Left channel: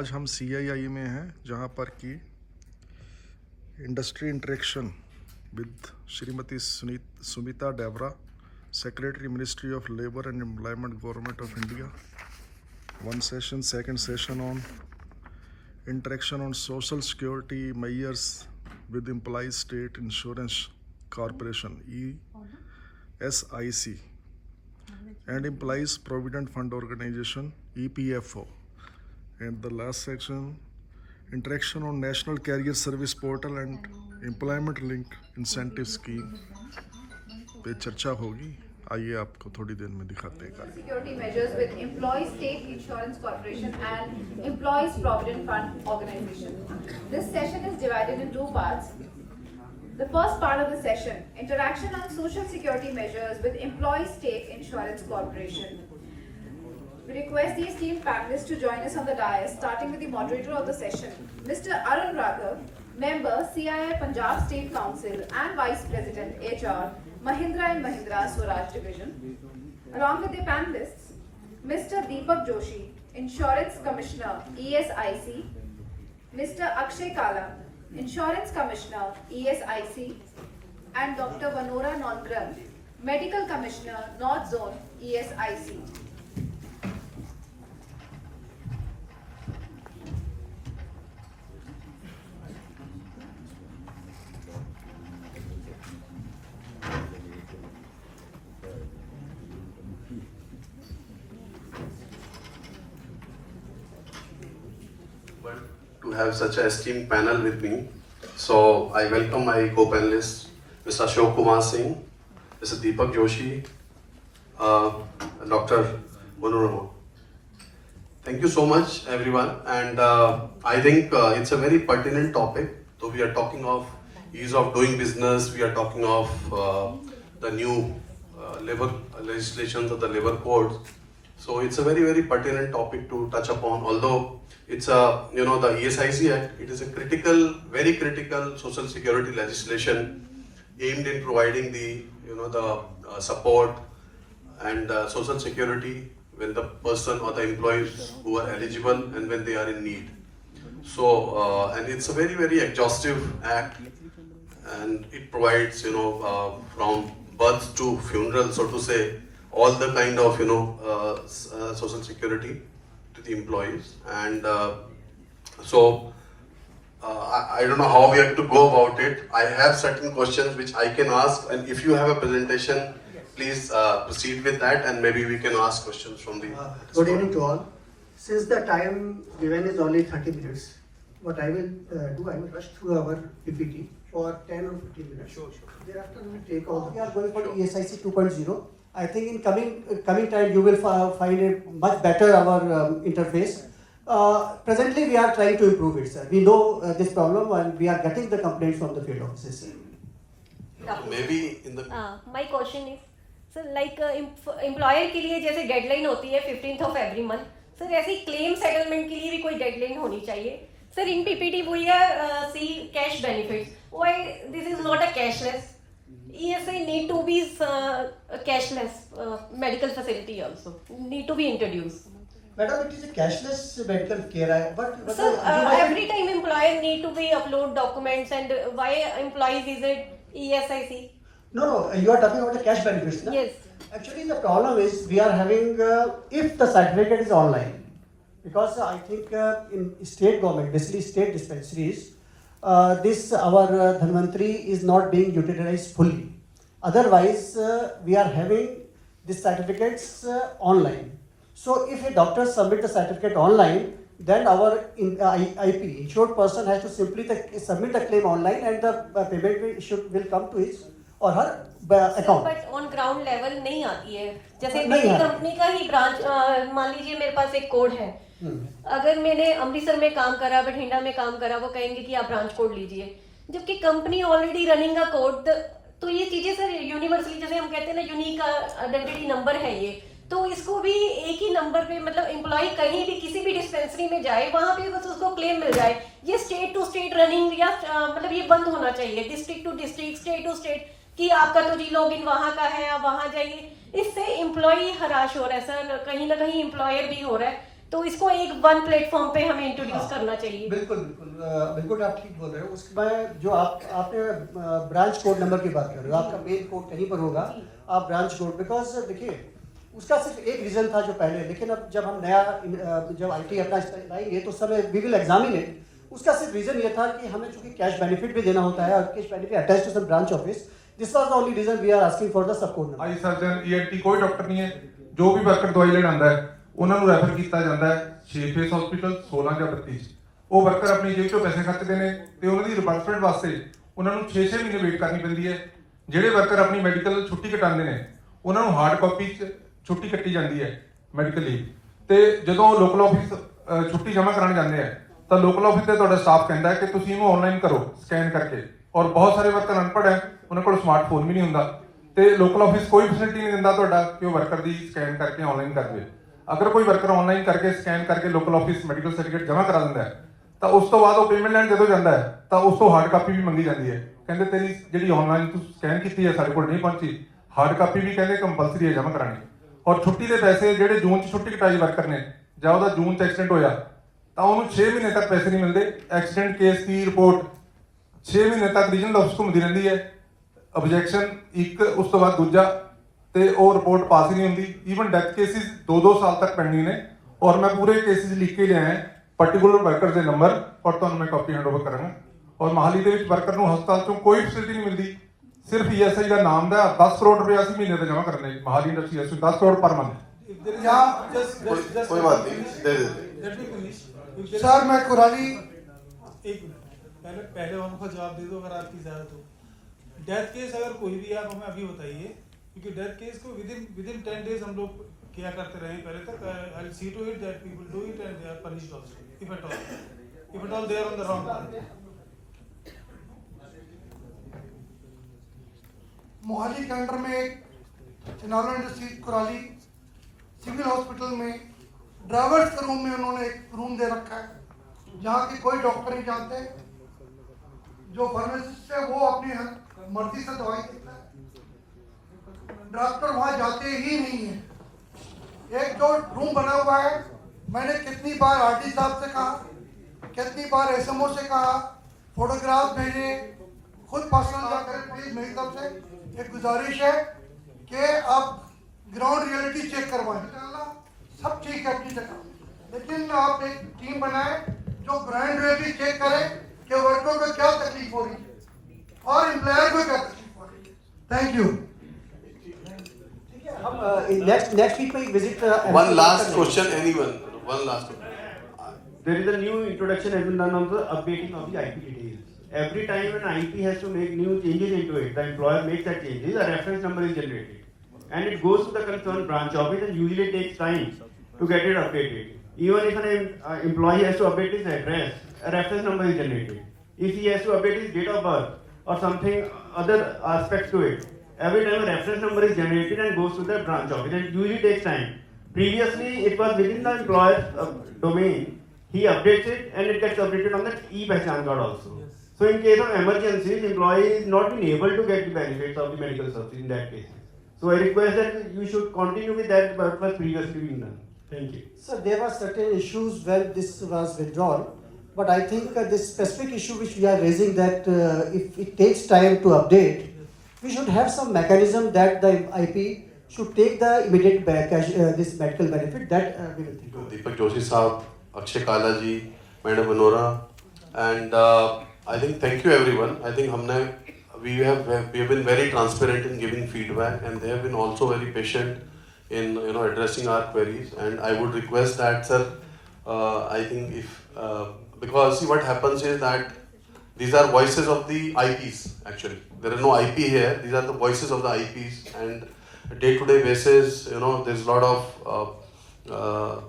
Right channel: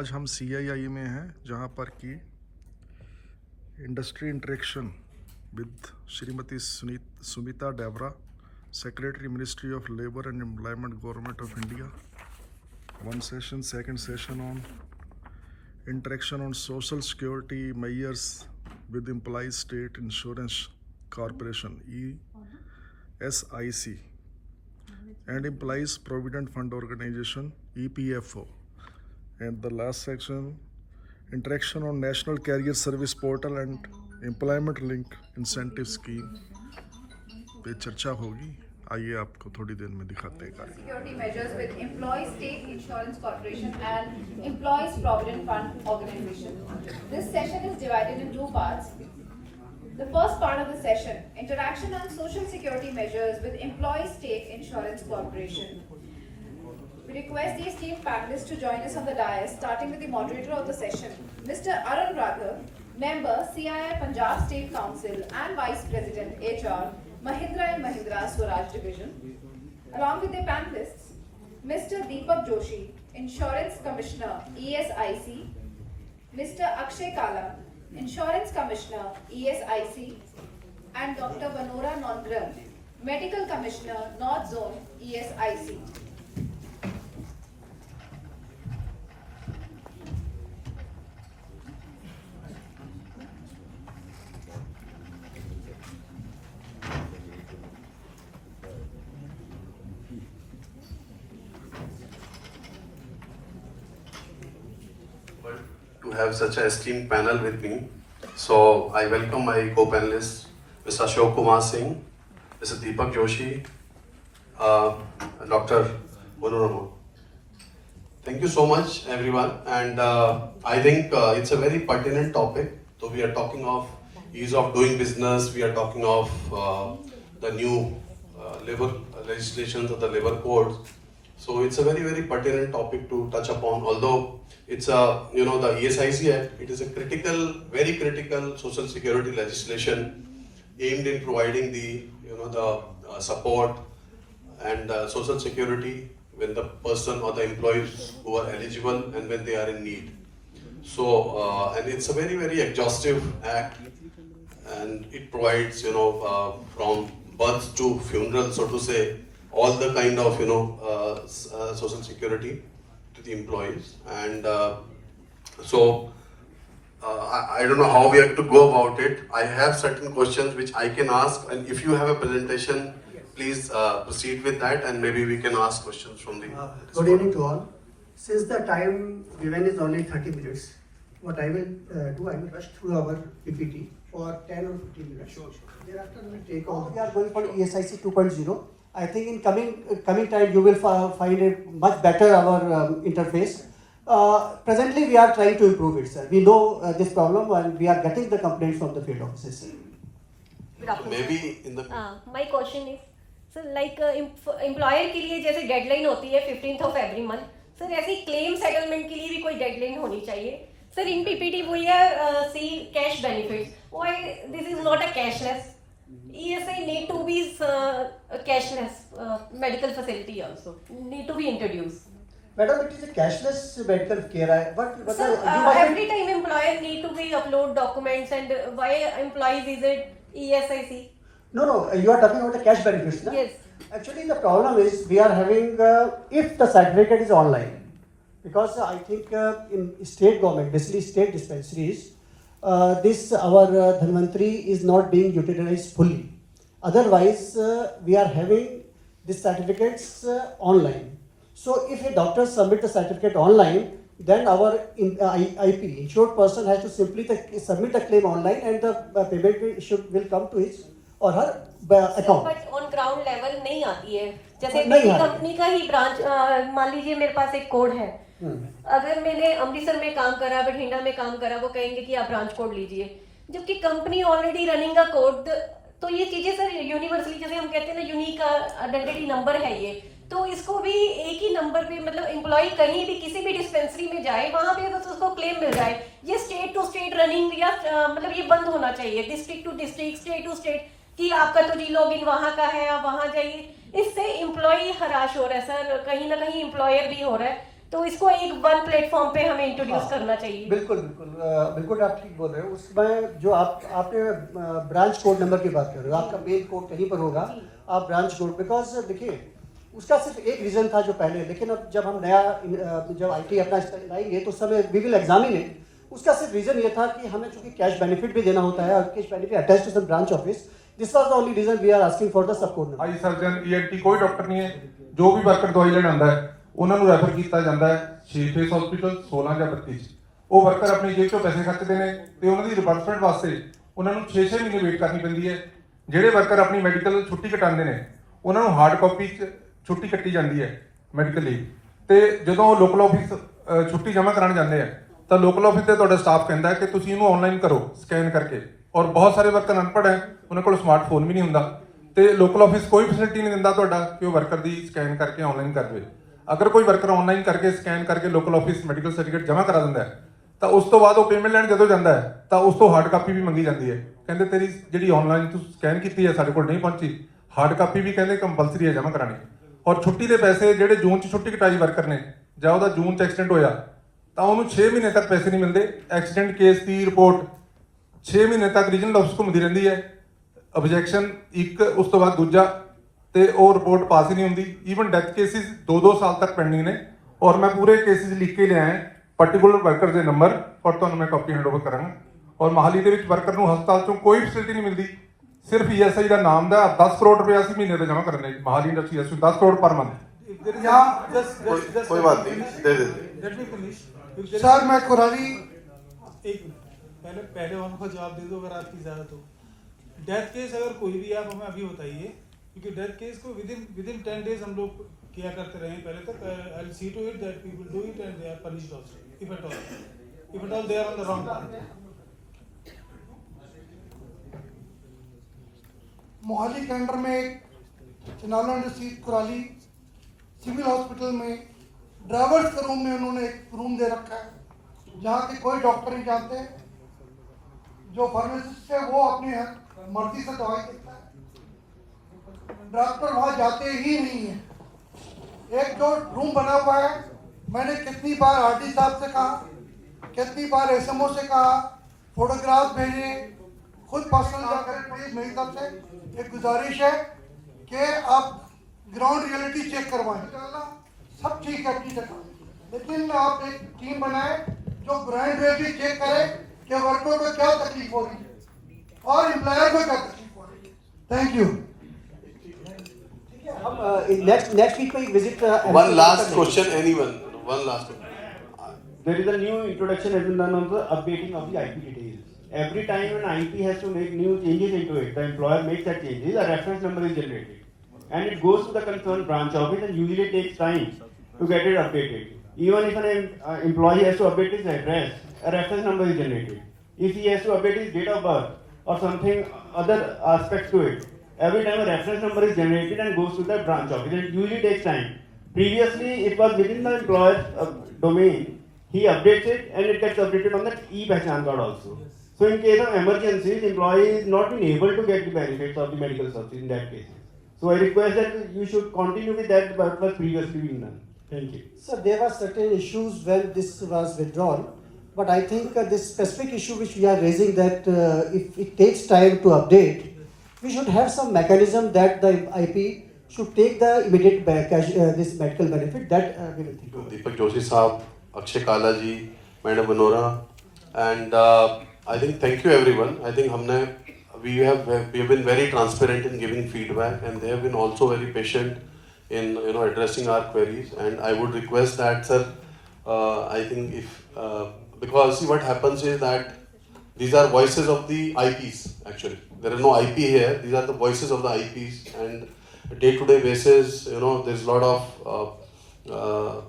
आज हम CII में हैं, जहां पर कि industry interaction with Shrimati Sumita Dawra, secretary ministry of labour and employment, government of India. One session, second session on interaction on social security measures with Employees State Insurance Corporation ESIC and Employees Provident Fund Organization EPFO. And the last section, interaction on National Career Service Portal and Employment Link Incentive Scheme पे चर्चा होगी. आइए आपको थोड़ी देर में दिखाते हैं कार्य. Security measures with Employees State Insurance Corporation and Employees Provident Fund Organization. This session is divided in two parts. The first part of the session, interaction on social security measures with Employees State Insurance Corporation. We request the esteemed panelists to join us on the dais, starting with the moderator of the session, Mr. Arun Raghav, member CII Punjab State Council and Vice President HR, Mahindra & Mahindra Swaraj Division. Along with the panelists, Mr. Deepak Joshi, Insurance Commissioner ESIC, Mr. Akshay Kala, Insurance Commissioner ESIC, and Dr. Vanora Nondran, Medical Commissioner North Zone ESIC. To have such an esteemed panel with me. So I welcome my co-panelists, Mr. Ashok Kumar Singh, Mr. Deepak Joshi, Dr. Vanora. Thank you so much, everyone. And I think it's a very pertinent topic. So we are talking of ease of doing business. We are talking of the new labor legislations of the labor code. So it's a very, very pertinent topic to touch upon. Although it's a, the ESIC Act, it is a critical, very critical social security legislation aimed in providing the, the support and social security when the person or the employees who are eligible and when they are in need. So, and it's a very, very exhaustive act, and it provides, from birth to funeral, so to say, all the kind of, social security to the employees. And so, I don't know how we have to go about it. I have certain questions which I can ask, and if you have a presentation, please proceed with that, and maybe we can ask questions from the... Good evening to all. Since the time given is only 30 minutes, what I will do, I will rush through our PPT for 10 or 15 minutes. Sure. Thereafter, we will take all the... We are going for ESIC 2.0. I think in coming time, you will find it much better our interface. Presently, we are trying to improve it, sir. We know this problem, and we are getting the complaints from the field offices. Maybe in the... My question is, sir, like employer के लिए जैसे deadline होती है 15th of every month, sir ऐसे claim settlement के लिए भी कोई deadline होनी चाहिए. Sir, in PPT we are see cash benefits. Why this is not a cashless? ESI need to be cashless medical facility also need to be introduced. Madam, it is a cashless medical care. Sir, every time employer need to be upload documents, and why employees is it ESIC? No, you are talking about the cash benefits. No? Yes. Actually, the problem is we are having, if the certificate is online, because I think in state government, basically state dispensaries, this our Dhanvantri is not being utilized fully. Otherwise, we are having these certificates online. So if a doctor submit the certificate online, then our IP, insured person, has to simply submit the claim online, and the payment will come to his or her account. But on ground level नहीं आती है. जैसे मेरी company का ही branch, मान लीजिए मेरे पास एक कोड है. अगर मैंने अमृतसर में काम करा, बठिंडा में काम करा, वो कहेंगे कि आप ब्रांच कोड लीजिए. जबकि कंपनी ऑलरेडी रनिंग का कोड, तो ये चीजें सर यूनिवर्सली, जैसे हम कहते हैं ना, यूनिक आइडेंटिटी नंबर है ये, तो इसको भी एक ही नंबर पे, मतलब एम्प्लॉय कहीं भी किसी भी डिस्पेंसरी में जाए, वहां पे बस उसको क्लेम मिल जाए. ये स्टेट टू स्टेट रनिंग या मतलब ये बंद होना चाहिए. District to district, state to state, कि आपका तो जी लॉगिन वहाँ का है, आप वहाँ जाइए। इससे एम्प्लॉय हराश हो रहा है सर, कहीं ना कहीं एम्प्लॉयर भी हो रहा है। तो इसको एक वन प्लेटफॉर्म पे हमें इंट्रोड्यूस करना चाहिए। बिल्कुल बिल्कुल आप ठीक बोल रहे हो। उसके बाद जो आपने ब्रांच कोड नंबर की बात कर रहे हो, आपका मेन कोड कहीं पर होगा, आप ब्रांच कोड, बिकॉज देखिए उसका सिर्फ एक रीजन था जो पहले, लेकिन अब जब हम नया जब IT अपना लाएंगे तो उस समय वी विल एग्जामिन इट। उसका सिर्फ रीजन ये था कि हमें चूंकि कैश बेनिफिट भी देना होता है और cash benefit attach to some branch office, this was the only reason we are asking for the sub code number. Eye surgeon ENT कोई ਡਾਕਟਰ ਨਹੀਂ ਹੈ, ਜੋ ਵੀ ਵਰਕਰ ਦਵਾਈ ਲੈਣ ਆਉਂਦਾ ਹੈ ਉਹਨਾਂ ਨੂੰ ਰੈਫਰ ਕੀਤਾ ਜਾਂਦਾ ਹੈ 6 ਫੇਸ ਹਸਪੀਟਲ 16 ਜਾਂ 32 ਚ। ਉਹ ਵਰਕਰ ਆਪਣੀ ਜੇਬ ਤੋਂ ਪੈਸੇ ਖਰਚਦੇ ਨੇ ਤੇ ਉਹਨਾਂ ਦੀ ਰਿਵਰਸਮੈਂਟ ਵਾਸਤੇ ਉਹਨਾਂ ਨੂੰ 6-6 ਮਹੀਨੇ ਵੇਟ ਕਰਨੀ ਪੈਂਦੀ ਹੈ। ਜਿਹੜੇ ਵਰਕਰ ਆਪਣੀ ਮੈਡੀਕਲ ਛੁੱਟੀ ਕਟਾਉਂਦੇ ਨੇ ਉਹਨਾਂ ਨੂੰ ਹਾਰਡ ਕਾਪੀ ਚ ਛੁੱਟੀ ਕੱਟੀ ਜਾਂਦੀ ਹੈ ਮੈਡੀਕਲ ਲੀਵ, ਤੇ ਜਦੋਂ ਲੋਕਲ ਆਫਿਸ ਛੁੱਟੀ ਜਮ੍ਹਾਂ ਕਰਾਉਣ ਜਾਂਦੇ ਆ ਤਾਂ ਲੋਕਲ ਆਫਿਸ ਤੇ ਤੁਹਾਡਾ ਸਟਾਫ ਕਹਿੰਦਾ ਹੈ ਕਿ ਤੁਸੀਂ ਇਹਨੂੰ ਆਨਲਾਈਨ ਕਰੋ ਸਕੈਨ ਕਰਕੇ। ਔਰ ਬਹੁਤ ਸਾਰੇ ਵਰਕਰ ਅਨਪੜ੍ਹ ਹੈ, ਉਹਨਾਂ ਕੋਲ ਸਮਾਰਟਫੋਨ ਵੀ ਨਹੀਂ ਹੁੰਦਾ ਤੇ ਲੋਕਲ ਆਫਿਸ ਕੋਈ ਫੈਸਿਲਿਟੀ ਨਹੀਂ ਦਿੰਦਾ ਤੁਹਾਡਾ ਕਿ ਉਹ ਵਰਕਰ ਦੀ ਸਕੈਨ ਕਰਕੇ ਆਨਲਾਈਨ ਕਰ ਦੇਵੇ। ਅਗਰ ਕੋਈ ਵਰਕਰ ਆਨਲਾਈਨ ਕਰਕੇ ਸਕੈਨ ਕਰਕੇ ਲੋਕਲ ਆਫਿਸ ਮੈਡੀਕਲ ਸਰਟੀਫਿਕੇਟ ਜਮ੍ਹਾਂ ਕਰਾ ਦਿੰਦਾ ਹੈ ਤਾਂ ਉਸ ਤੋਂ ਬਾਅਦ ਉਹ ਪੇਮੈਂਟ ਲੈਣ ਜਦੋਂ ਜਾਂਦਾ ਹੈ ਤਾਂ ਉਸ ਤੋਂ ਹਾਰਡ ਕਾਪੀ ਵੀ ਮੰਗੀ ਜਾਂਦੀ ਹੈ। ਕਹਿੰਦੇ ਤੇਰੀ ਜਿਹੜੀ ਆਨਲਾਈਨ ਤੂੰ ਸਕੈਨ ਕੀਤੀ ਹੈ ਸਾਡੇ ਕੋਲ ਨਹੀਂ ਪਹੁੰਚੀ, ਹਾਰਡ ਕਾਪੀ ਵੀ ਕਹਿੰਦੇ ਕੰਪਲਸਰੀ ਹੈ ਜਮ੍ਹਾਂ ਕਰਾਣੀ। ਔਰ ਛੁੱਟੀ ਦੇ ਪੈਸੇ ਜਿਹੜੇ ਜੂਨ 'ਚ ਛੁੱਟੀ ਕਟਾਈ ਵਰਕਰ ਨੇ ਜਾਂ ਉਹਦਾ ਜੂਨ 'ਚ ਐਕਸੀਡੈਂਟ ਹੋਇਆ ਤਾਂ ਉਹਨੂੰ 6 ਮਹੀਨੇ ਤੱਕ ਪੈਸੇ ਨਹੀਂ ਮਿਲਦੇ। ਐਕਸੀਡੈਂਟ ਕੇਸ ਦੀ ਰਿਪੋਰਟ 6 ਮਹੀਨੇ ਤੱਕ ਰੀਜਨਲ ਆਫਿਸ ਘੁੰਮਦੀ ਰਹਿੰਦੀ ਹੈ, ਆਬਜੈਕਸ਼ਨ ਇੱਕ ਉਸ ਤੋਂ ਬਾਅਦ ਦੂਜਾ, ਤੇ ਉਹ ਰਿਪੋਰਟ ਪਾਸ ਹੀ ਨਹੀਂ ਹੁੰਦੀ। ਈਵਨ ਡੈਥ ਕੇਸਿਸ 2-2 ਸਾਲ ਤੱਕ ਪੈਂਡਿੰਗ ਨੇ। ਔਰ ਮੈਂ ਪੂਰੇ ਕੇਸਿਸ ਲਿਖ ਕੇ ਲਿਆ ਹੈ ਪਾਰਟਿਕੂਲਰ ਵਰਕਰ ਦੇ ਨੰਬਰ, ਔਰ ਤੁਹਾਨੂੰ ਮੈਂ ਕਾਪੀ ਹੈਂਡਓਵਰ ਕਰਾਂਗਾ। ਔਰ ਮਹਾਲੀ ਦੇ ਵਿੱਚ ਵਰਕਰ ਨੂੰ ਹਸਪਤਾਲ ਚੋਂ ਕੋਈ ਫੈਸਿਲਿਟੀ ਨਹੀਂ ਮਿਲਦੀ, ਸਿਰਫ ESI ਦਾ ਨਾਮ ਦਾ 10 ਕਰੋੜ ਰੁਪਏ ਅਸੀਂ ਮਹੀਨੇ ਦਾ ਜਮ੍ਹਾਂ ਕਰਨੇ Mohali industry 10 crore per month. कोई बात नहीं, दे देते। सर मैं कुराली एक मिनट पहले वालों का जवाब दे दो अगर आपकी इजाजत हो। डेथ केस अगर कोई भी आप हमें अभी बताइए, क्योंकि डेथ केस को विद इन 10 डेज हम लोग किया करते रहे पहले तक। I will see to it that we will do it and they are punished also if at all they are on the wrong path. Mohali के अंडर में Chinawala industries Kurali civil hospital में ड्राइवर्स के रूम में उन्होंने एक रूम दे रखा है जहाँ की कोई डॉक्टर नहीं जानते। जो फार्मासिस्ट है वो अपनी मर्जी से दवाई देता है, डॉक्टर वहाँ जाते ही नहीं है। एक जो रूम बना हुआ है, मैंने कितनी बार RD साहब से कहा, कितनी बार SMO से कहा, फोटोग्राफ भेजे, खुद पर्सनल जाकर प्लीज मेरी तरफ से एक गुजारिश है कि आप ग्राउंड रियलिटी चेक करवाएं। सब ठीक है अपनी जगह, लेकिन आप एक टीम बनाए जो ग्राउंड रियलिटी चेक करे कि वर्करों को क्या तकलीफ हो रही है और एम्प्लॉयर को क्या तकलीफ हो रही है। Thank you. हम नेक्स्ट वीक में visit. One last question, anyone? One last question. There is a new introduction has been done of the updating of the IP details. Every time an IP has to make new changes into it, the employer makes that changes, a reference number is generated. And it goes to the concerned branch office and usually takes time to get it updated. Even if an employee has to update his address, a reference number is generated. If he has to update his date of birth or something, other aspects to it, every time a reference number is generated and goes to the branch office. And it usually takes time. Previously, it was within the employer's domain. He updates it and it gets updated on that e-Pehchan card also. So in case of emergencies, the employee is not been able to get the benefits of the medical subsidy in that case. So I request that you should continue with that what was previously being done. Thank you. So there were certain issues when this was withdrawn, but I think this specific issue which we are raising, that if it takes time to update, we should have some mechanism that the IP should take the immediate this medical benefit. That we will think. Deepak Joshi Saab, Akshay Kala ji, Madam Manora, and I think thank you everyone. I think we have been very transparent in giving feedback, and they have been also very patient in addressing our queries. And I would request that, sir, I think if because see what happens is that these are voices of the IPs. Actually, there is no IP here. These are the voices of the IPs, and day-to-day basis, there's a lot of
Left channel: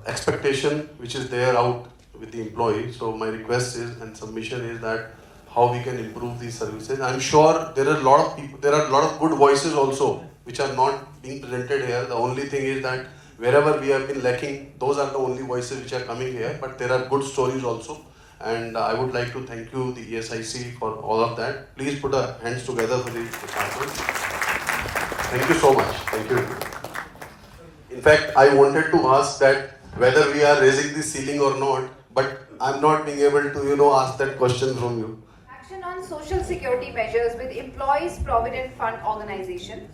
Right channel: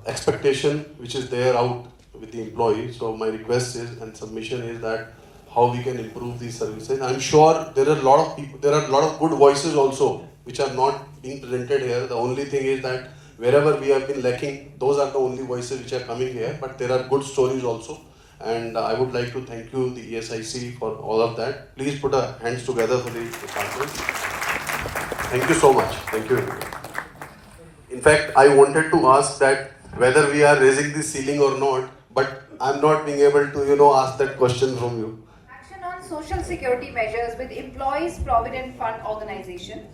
expectation which is there out with the employee. So my request is and submission is that how we can improve these services. I'm sure there are a lot of people, there are a lot of good voices also which are not being presented here. The only thing is that wherever we have been lacking, those are the only voices which are coming here, but there are good stories also. and I would like to thank you, the ESIC, for all of that. Please put our hands together for the department. Thank you so much. Thank you. In fact, I wanted to ask that whether we are raising the ceiling or not, but I'm not being able to, ask that question from you. Action on social security measures with Employees Provident Fund Organization.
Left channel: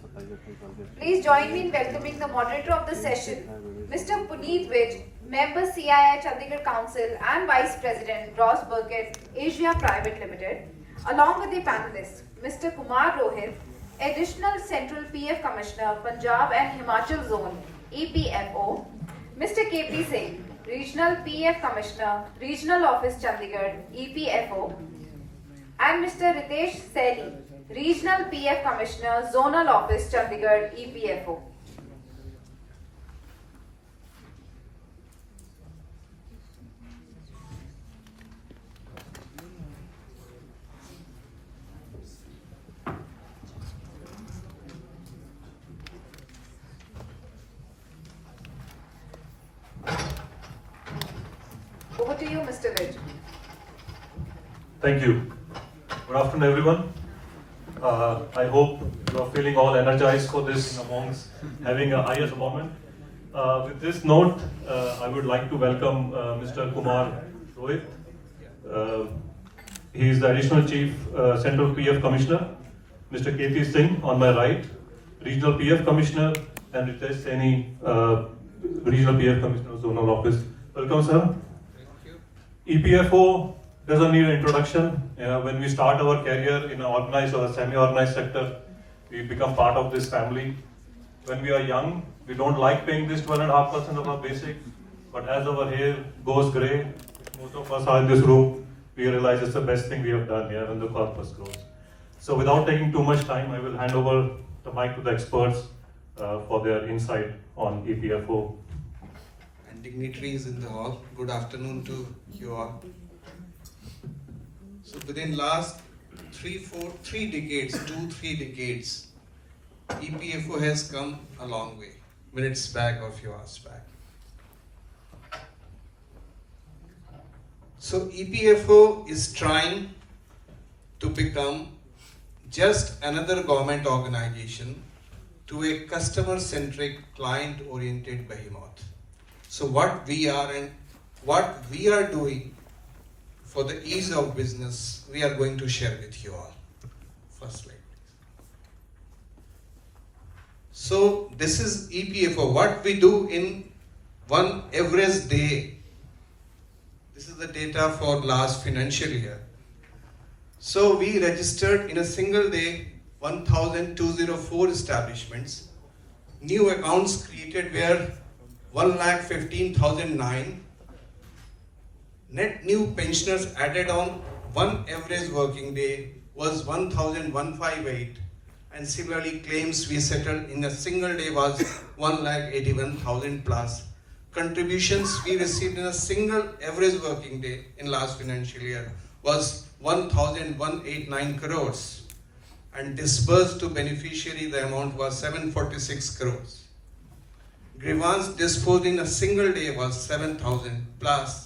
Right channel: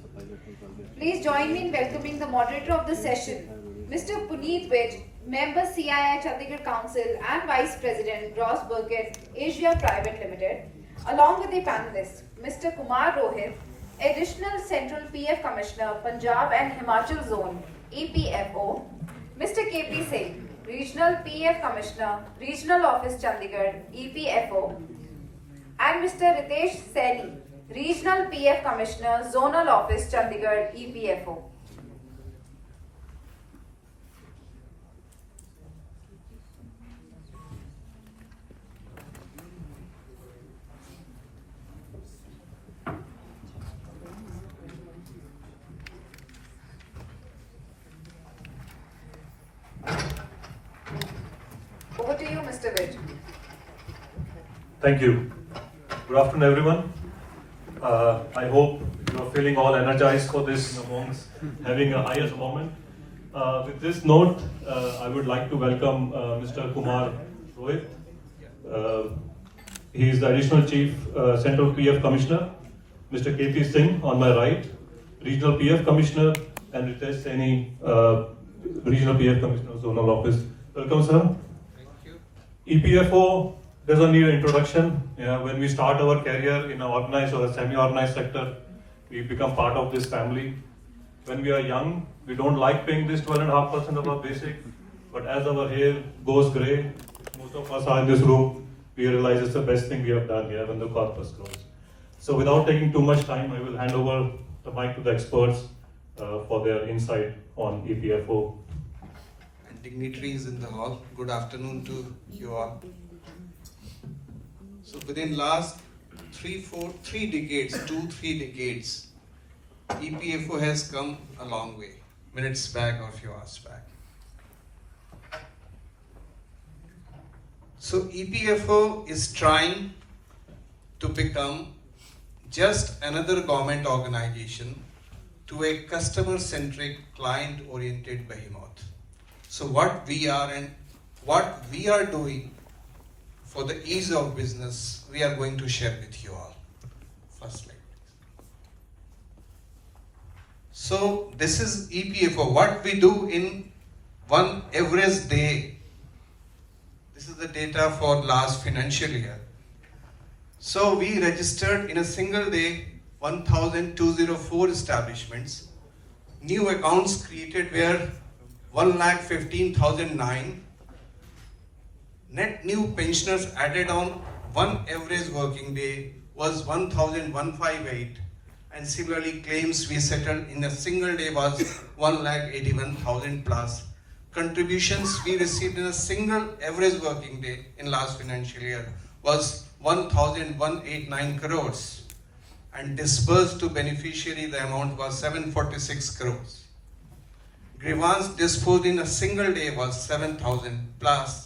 Please join me in welcoming the moderator of the session, Mr. Puneet Vij, Member CII Chandigarh Council and Vice President, Ross Burkett, Asia Private Limited, along with the panelists, Mr. Kumar Rohit, Additional Central PF Commissioner, Punjab and Himachal Zone, EPFO, Mr. KP Singh, Regional PF Commissioner, Regional Office Chandigarh, EPFO, and Mr. Ritesh Saini, Regional PF Commissioner, Zonal Office Chandigarh, EPFO. Over to you, Mr. Vij. Thank you. Good afternoon, everyone. I hope you are feeling all energized for this amongst having a highest moment. With this note, I would like to welcome Mr. Kumar Rohit. He is the Additional Chief Central PF Commissioner. Mr. KP Singh on my right, Regional PF Commissioner, and Ritesh Saini, Regional PF Commissioner, Zonal Office. Welcome, sir. EPFO doesn't need an introduction. When we start our career in an organized or a semi-organized sector, we become part of this family. When we are young, we don't like paying this 12.5% of our basic, but as our hair goes grey, most of us are in this room, we realize it's the best thing we have done here when the corpus grows. So without taking too much time, I will hand over the mic to the experts for their insight on EPFO. And dignitaries in the hall, good afternoon to you all. So within last 3 decades, EPFO has come a long way, minutes back or few hours back. So EPFO is trying to become just another government organization to a customer-centric, client-oriented behemoth. So what we are and what we are doing for the ease of business, we are going to share with you all. First slide, please. So this is EPFO. What we do in one average day. This is the data for last financial year. So we registered in a single day 1,204 establishments. New accounts created were 1,15,009. Net new pensioners added on one average working day was 1,158, and similarly claims we settled in a single day was 1,81,000 plus. Contributions we received in a single average working day in last financial year was 1,189 crores, and disbursed to beneficiary the amount was 746 crores. Grievance disposed in a single day was 7,000 plus,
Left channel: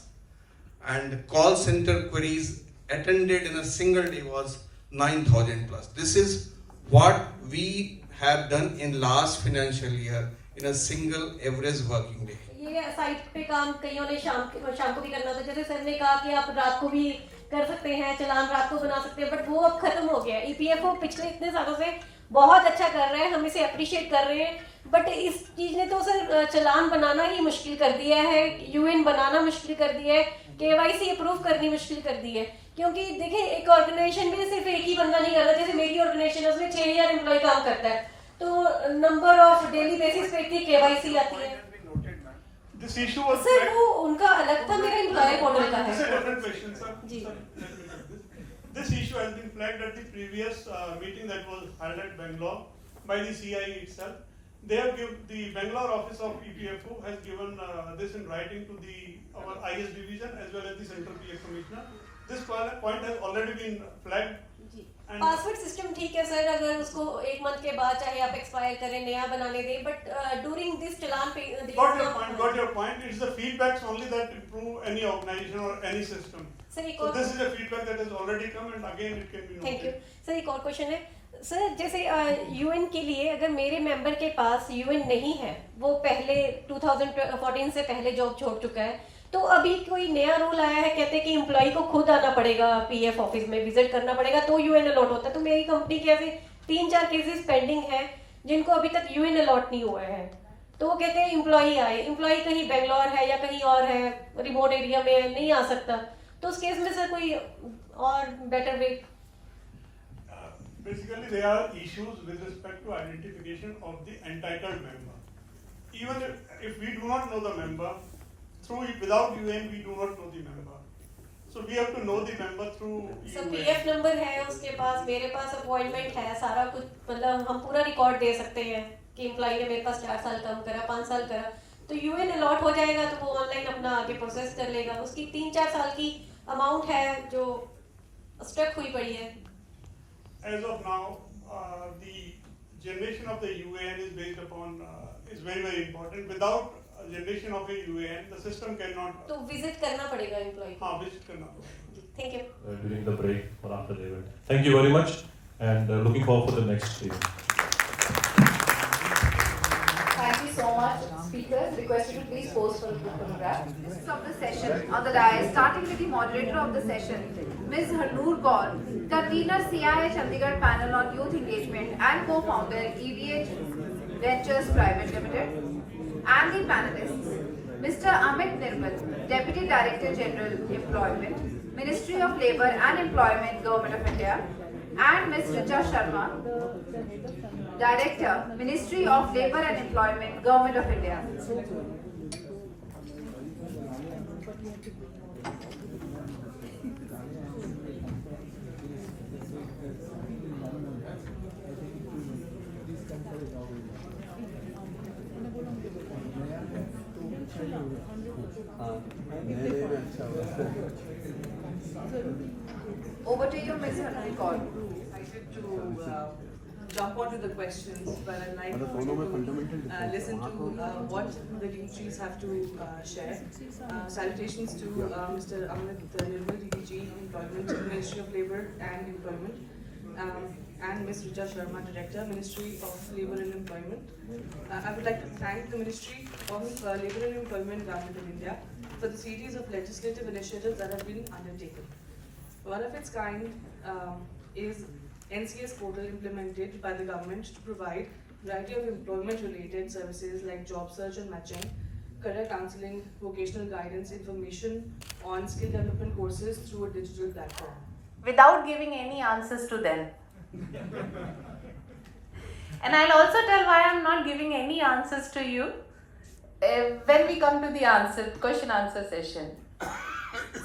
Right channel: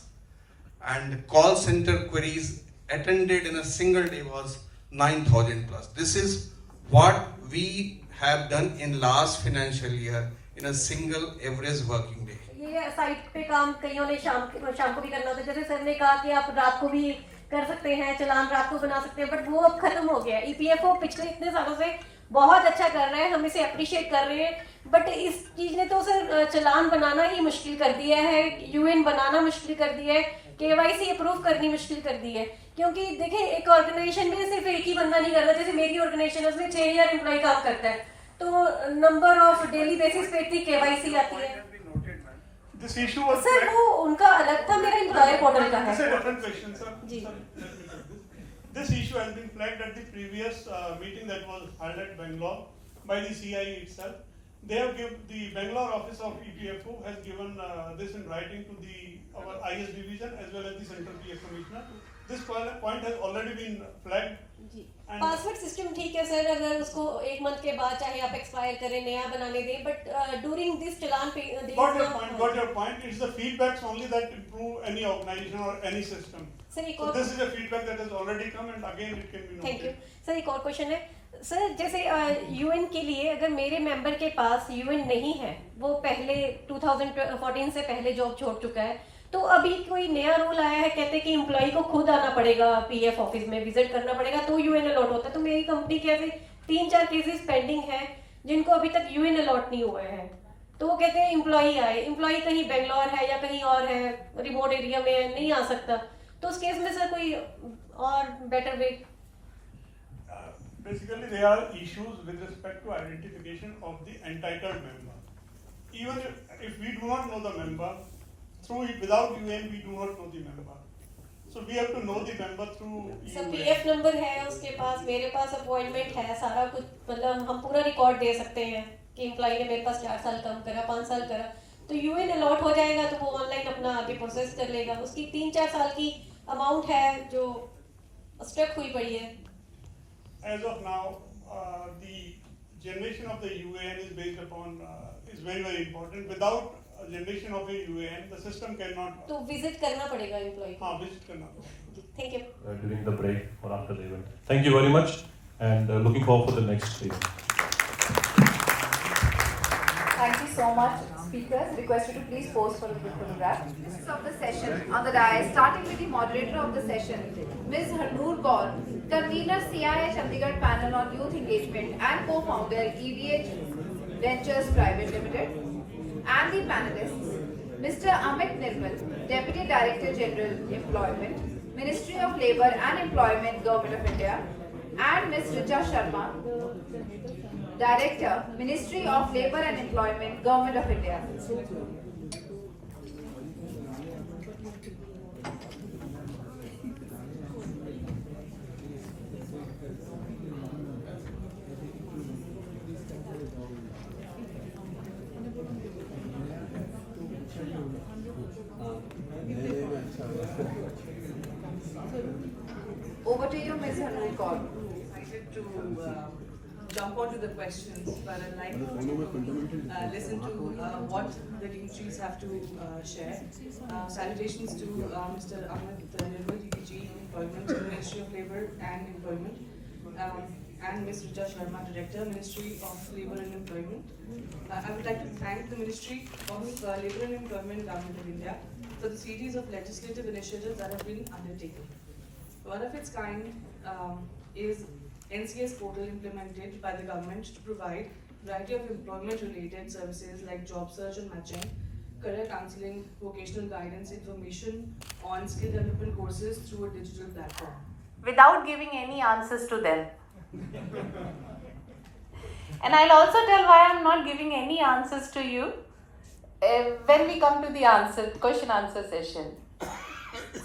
and call center queries attended in a single day was 9,000 plus. This is what we have done in last financial year in a single average working day. ये site पे काम कईयों ने शाम को भी करना था, जैसे सर ने कहा कि आप रात को भी कर सकते हैं, चलान रात को बना सकते हैं, बट वो अब खत्म हो गया। EPFO पिछले इतने सालों से बहुत अच्छा कर रहा है, हम इसे अप्रिशिएट कर रहे हैं, बट इस चीज ने तो सर चलान बनाना ही मुश्किल कर दिया है, यूएन बनाना मुश्किल कर दिया है, KYC अप्रूव करनी मुश्किल कर दी है। क्योंकि देखिए एक ऑर्गेनाइजेशन में सिर्फ एक ही बंदा नहीं करता, जैसे मेरी ऑर्गेनाइजेशन है उसमें 6000 एम्प्लॉय काम करता है, तो नंबर ऑफ डेली बेसिस पे इतनी KYC आती है। This issue was सर वो उनका अलग था, मेरा एम्प्लॉयर पोर्टल का है। Sir, different question, sir. जी। This issue has been flagged at the previous meeting that was held at Bangalore by the CIE itself. They have given, the Bangalore office of EPFO has given this in writing to our IS division as well as the Central PF Commissioner. this point has already been flagged. And password system ठीक है sir, अगर उसको 1 month के बाद चाहे आप expire करें, नया बनाने दें, बट ड्यूरिंग दिस चलान पे got your point. It's the feedbacks only that improve any organization or any system. Sir एक So और, this is a feedback that has already come, and again it can be noted. Thank you sir. एक और question है sir, जैसे UN के लिए अगर मेरे मेंबर के पास यूएन नहीं है, वो पहले 2014 से पहले जॉब छोड़ चुका है, तो अभी कोई नया रूल आया है, कहते हैं कि एम्प्लॉय को खुद आना पड़ेगा, पीएफ ऑफिस में विजिट करना पड़ेगा तो यूएन अलॉट होता है। तो मेरी कंपनी के ऐसे 3-4 केसेस पेंडिंग हैं जिनको अभी तक यूएन अलॉट नहीं हुए हैं, तो वो कहते हैं एम्प्लॉय आए, एम्प्लॉय कहीं बेंगलोर है या कहीं और है, रिमोट एरिया में नहीं आ सकता, तो उस केस में सर कोई और better way? Basically, there are issues with respect to identification of the entitled member. Even if we do not know the member, without UN we do not know the member. So we have to know the member through sir UN. PF number है उसके पास, मेरे पास appointment है, सारा कुछ, मतलब हम पूरा record दे सकते हैं कि एम्प्लॉय ने मेरे पास 4 साल काम करा, 5 साल करा, तो यूएन अलॉट हो जाएगा तो वो ऑनलाइन अपना आगे प्रोसेस कर लेगा। उसकी 3-4 साल की अमाउंट है जो स्टक हुई पड़ी है। As of now, the generation of the UAN is based upon is very important. Without a generation of a UAN, the system cannot. तो विजिट करना पड़ेगा एम्प्लॉय को। हाँ, visit करना पड़ेगा। Thank you. During the break or after the event. Thank you very much, and looking forward for the next event. Thank you so much, speakers. Requested to please pose for a group photograph. Of the session on the dais, starting with the moderator of the session, Ms. Harnoor Kaur, convener CII Chandigarh panel on youth engagement and co-founder EVH Ventures Private Limited, and the panelists, Mr. Amit Nirmal, Deputy Director General Employment, Ministry of Labour and Employment, Government of India, and Ms. Richa Sharma, Director, Ministry of Labour and Employment, Government of India. Over to you, Ms. Harnoor Kaur. To jump onto the questions, but I'd like to listen to what the dignitaries have to share. Salutations to Mr. Amit Nirmal, DDG, Employment, Ministry of Labour and Employment, and Ms. Richa Sharma, Director, Ministry of Labour and Employment. I would like to thank the Ministry of Labour and Employment, Government of India, for the series of legislative initiatives that have been undertaken. One of its kind is NCS portal implemented by the government to provide variety of employment-related services like job search and matching, career counseling, vocational guidance, information on skill development courses through a digital platform. Without giving any answers to them. And I'll also tell why I'm not giving any answers to you when we come to the question-answer session.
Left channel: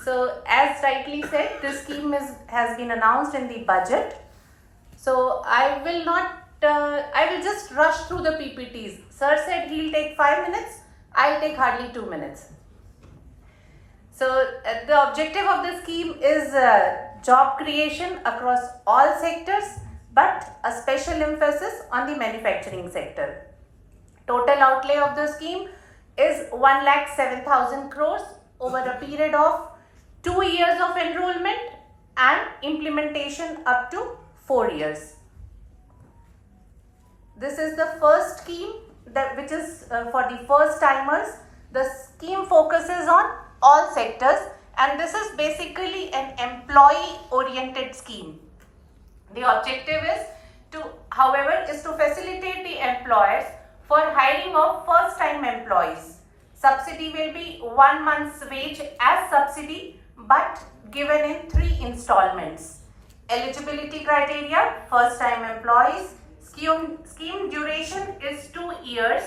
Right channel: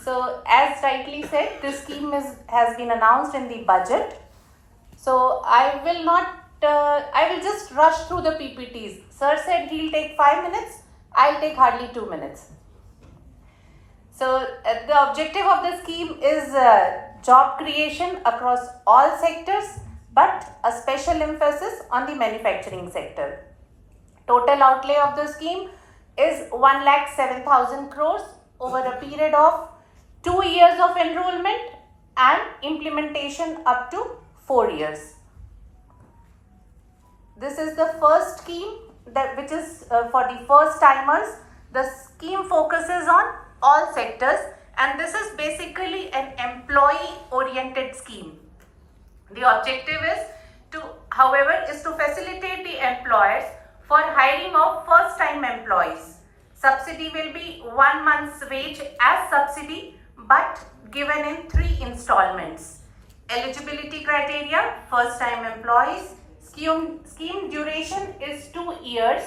So, as rightly said, this scheme has been announced in the budget. So, I will just rush through the PPTs. Sir said he'll take 5 minutes, I'll take hardly 2 minutes. So, the objective of the scheme is job creation across all sectors, but a special emphasis on the manufacturing sector. Total outlay of the scheme is 1,07,000 crores over a period of 2 years of enrollment and implementation up to 4 years. This is the first scheme which is for the first timers. The scheme focuses on all sectors, and this is basically an employee oriented scheme. The objective is to facilitate the employers for hiring of first time employees. Subsidy will be 1 month's wage as subsidy, but given in 3 installments. Eligibility criteria: first time employees. Scheme duration is 2 years.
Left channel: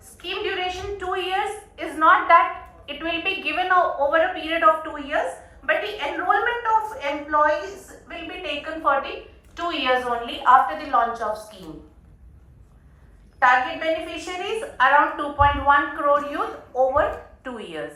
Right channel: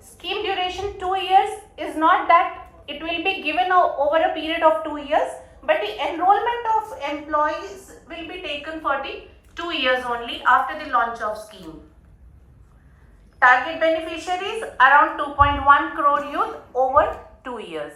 Scheme duration 2 years is not that it will be given over a period of 2 years, but the enrollment of employees will be taken for the 2 years only after the launch of scheme. Target beneficiaries around 2.1 crore youth over 2 years.